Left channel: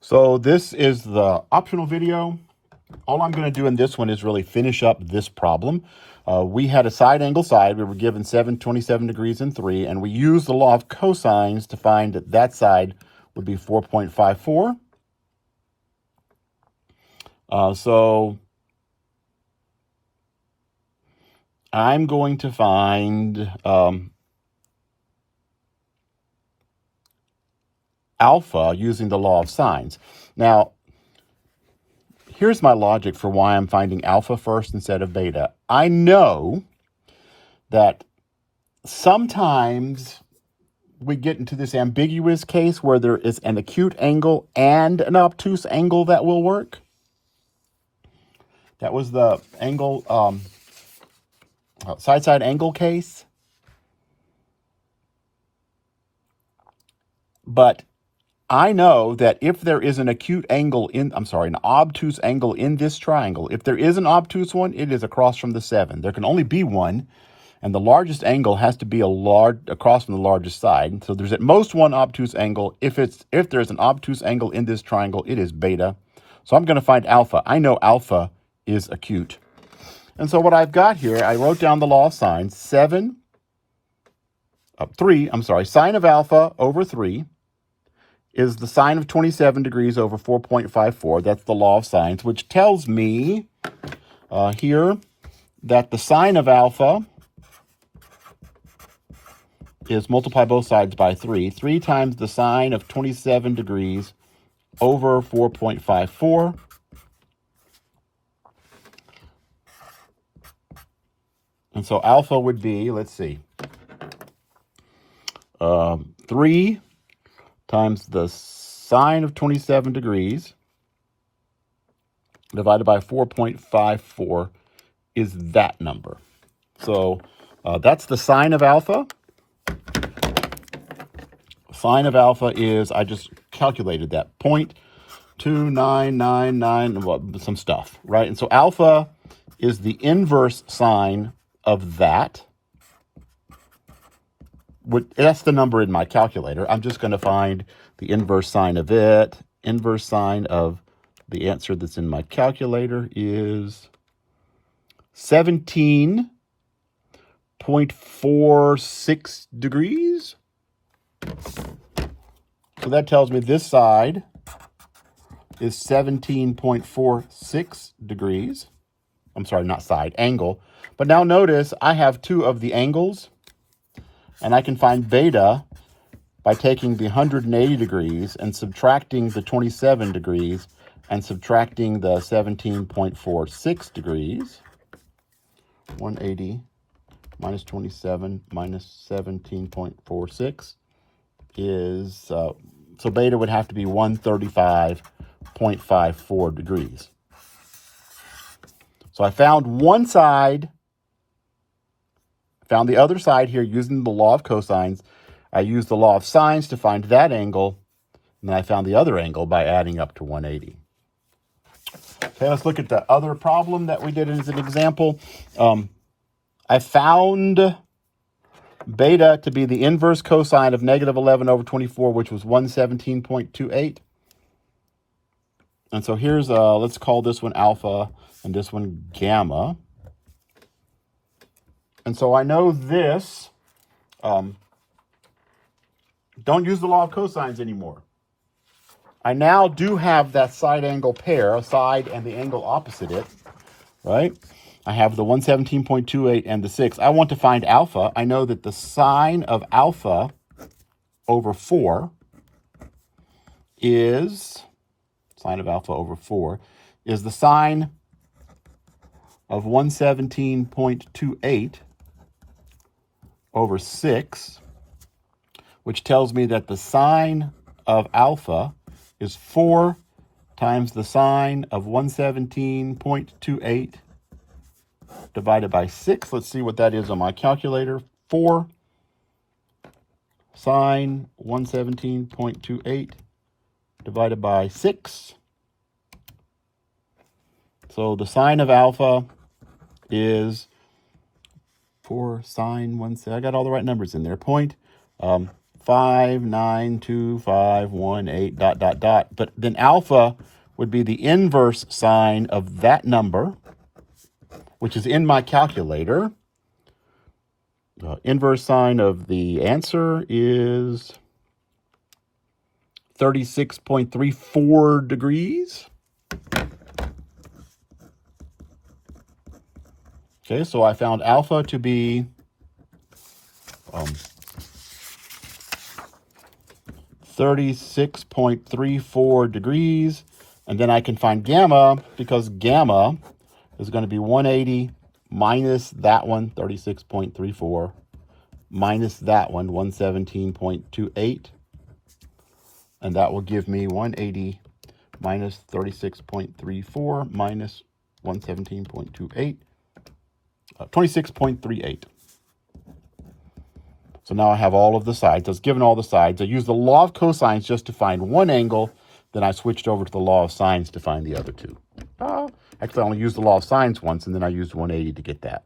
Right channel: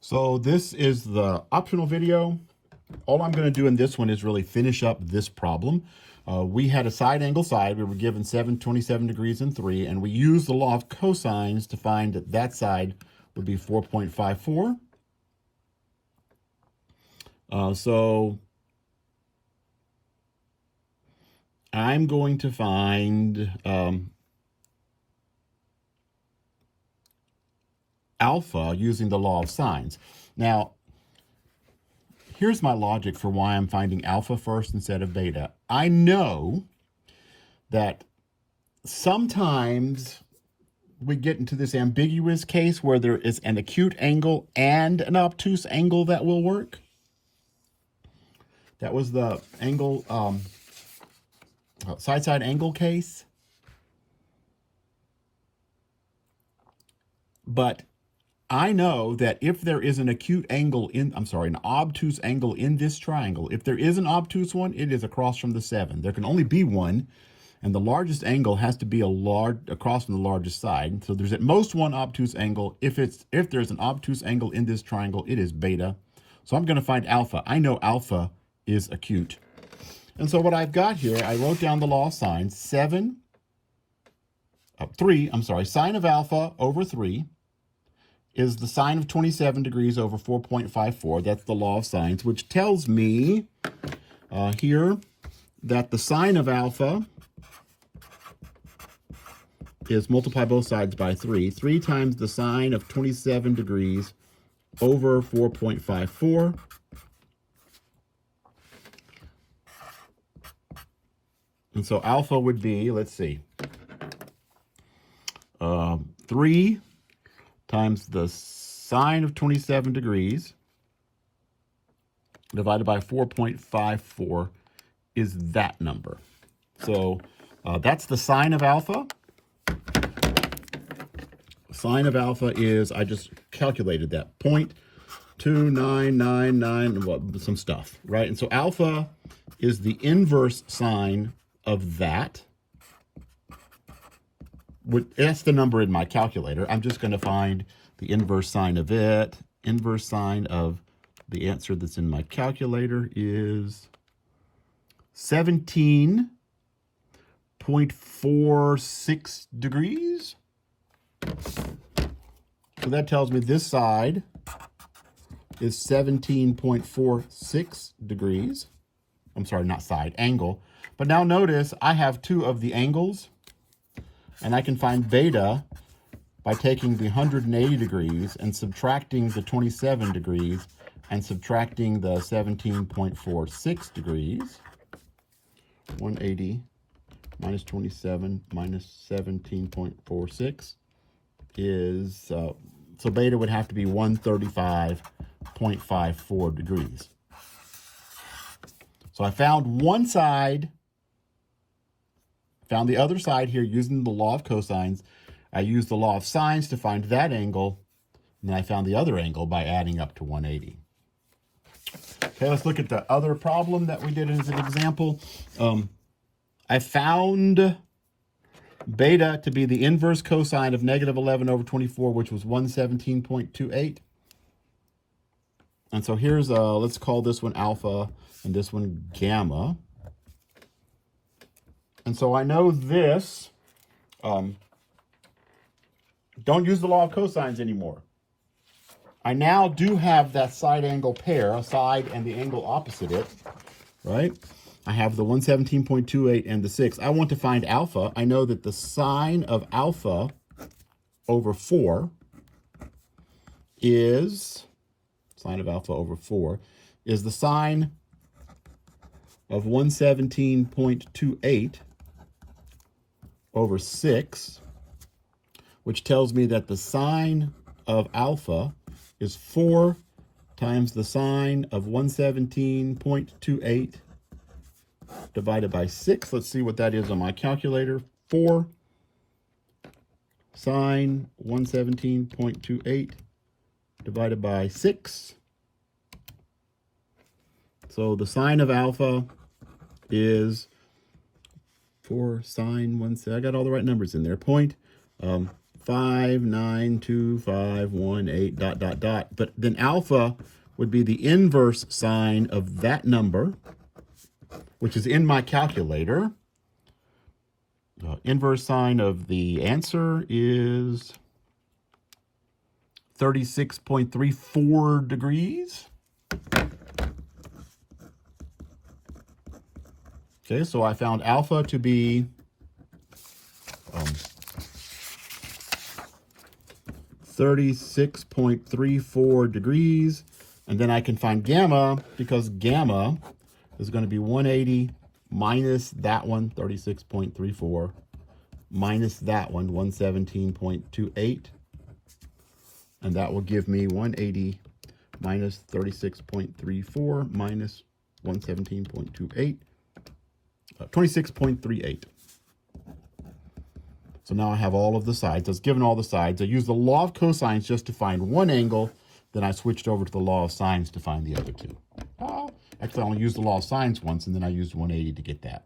So this is the optional video. All I'm going to do in this one is really finish up this problem. We had a side angle side. We were given 27 degrees and 3, and we used the law of cosines to find that that side would be 4.54. So I'm going to find alpha using the law of sines. Now, here's my logic for why I'm finding alpha first instead of beta. I know that sometimes we get into this ambiguous case where there is an acute angle and an obtuse angle that will work. That was the angle, side-side angle case. But I know that if there is an acute angle an obtuse angle in this triangle, if there is an obtuse one, it is across from the 7. There can only be one, and the largest angle has to be across from the largest side. So there's at most one obtuse angle. If there's an obtuse angle in this triangle, it is beta. So I'm going to find alpha. I know alpha is acute. And so what I've got here, I wrote down the law of sines. Sine of alpha over 3 is the sine of 27 degrees over 4.54. That's the law of sines, which tells me here that the sine of alpha is multiply both sides by 3. 3 times the sine of 27 degrees over 4.54. And so alpha would be, let's see, 3 times the sine of 27 degrees divided by 4.54 is that number. So that's the sine of alpha. Sine of alpha is, I just calculated that, 0.2999, well, some stuff, right? And so alpha is the inverse sine of that. That's the number in my calculator. I'm just going to find the inverse sine of it. Inverse sine of the answer that's in my calculator is 17.46 degrees. So that tells me this side is 17.46 degrees. I'm sorry, not side, angle. But now notice I have two of the angles, and I can find beta by taking the 180 degrees and subtracting the 27 degrees and subtracting the 17.46 degrees. 180 minus 27 minus 17.46 is, so beta would have to be 135.54 degrees. So I found one side, found the other side here using the law of cosines. I used the law of sines to find that angle, and then I found the other angle by adding up to 180. Okay, let's look at the other problem that we did as an example. I found beta to be the inverse cosine of negative 11 over 24, which was 117.28. And so here's, let's call this one alpha and this one gamma. And so I know this, don't use the law of cosines anymore. I now do have that side angle pair, a side and the angle opposite it, right? I have the 117.28 and the 6. I want to find alpha. I know that the sine of alpha over 4 is, sine of alpha over 4, is the sine of 117.28 over 6, which tells me that the sine of alpha is 4 times the sine of 117.28 divided by 6. Let's see what that is on my calculator. 4 sine 117.28 divided by 6. So the sine of alpha is 4 sine 1, I got all the right numbers in there, 5 592,518, dot, dot, dot. But then alpha would be the inverse sign of that number, which is in my calculator. Inverse sign of the answer is 36.34 degrees. Okay, so I found alpha to be 36.34 degrees. And then I can find gamma, because gamma is going to be 180 minus that one, 36.34, minus that one, 117.28. And that will give me 180 minus 36.34 minus 117.28, 26.38. So now I have all of the sides. I was given all the sides. I used the law of cosines just to find one angle. Then I switched over to the law of sines to find the other two. Actually, I only used the law of sines once, and then I used 180 to get that.